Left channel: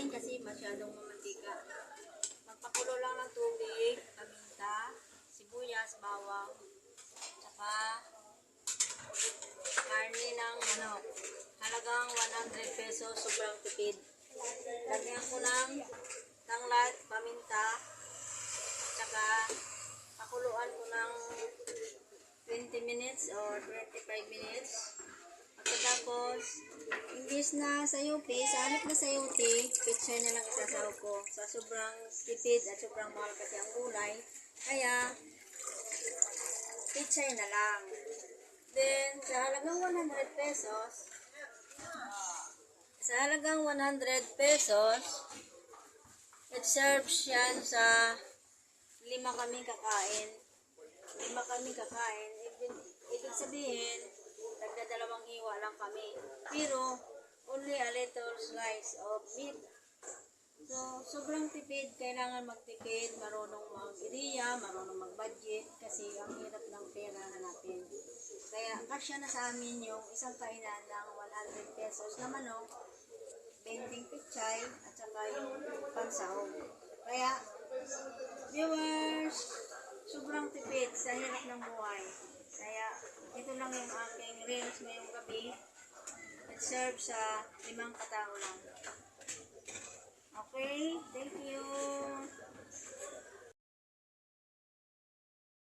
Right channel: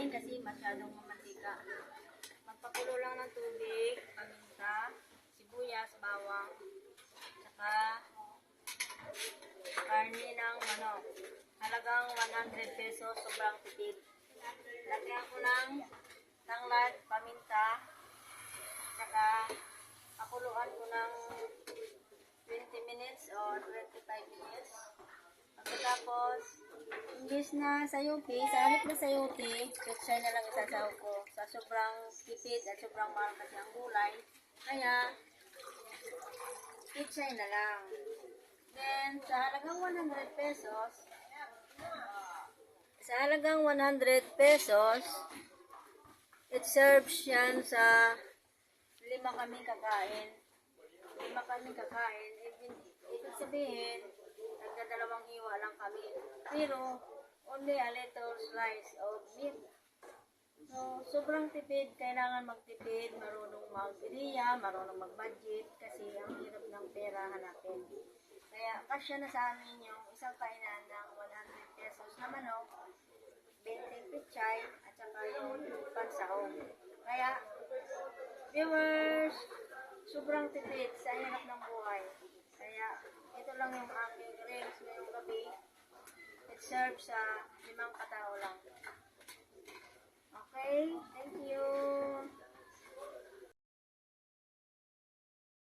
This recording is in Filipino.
natin kasi masyadong mamantika. Magpakulo lang ng tubig, paminta, sibuyas, bawang, tsaka karne ng manok. Halagang 100 pesos, sobrang tipid. Lagyan ko ng tanglad, paminta, tsaka pakuluan ko ng 20 minutes or 25 minutes. Pagkatapos, imbis na sayupi, sa halip na sayupi, pechay na lang isasaw ko. Sa sobrang tipid at sobrang mahal kasi ang gulay, kaya pechay na lang. Then, sa halagang 100 pesos, it serves yan sa 5 kami kakain. 5 kami kakain. Ibig sabihin, nagdadalawang hiwa lang kami. Pero, only a little slice of meat. So, sobrang tipid. Kailangan magtipid, marunong mag-ideya, marunong mag-budget, kasi ang hirap ng pera hanapin. Kaya, kasya na sa amin yung isang kainan ng 100 pesos na manok, 20 pechay, at saka yung pansahog. Kaya, viewers, sobrang tipid sa hirap ng buhay. Kaya, ito lang yung aking reels ngayong gabi. It serves sa 5 katao lang. Okay, thank you.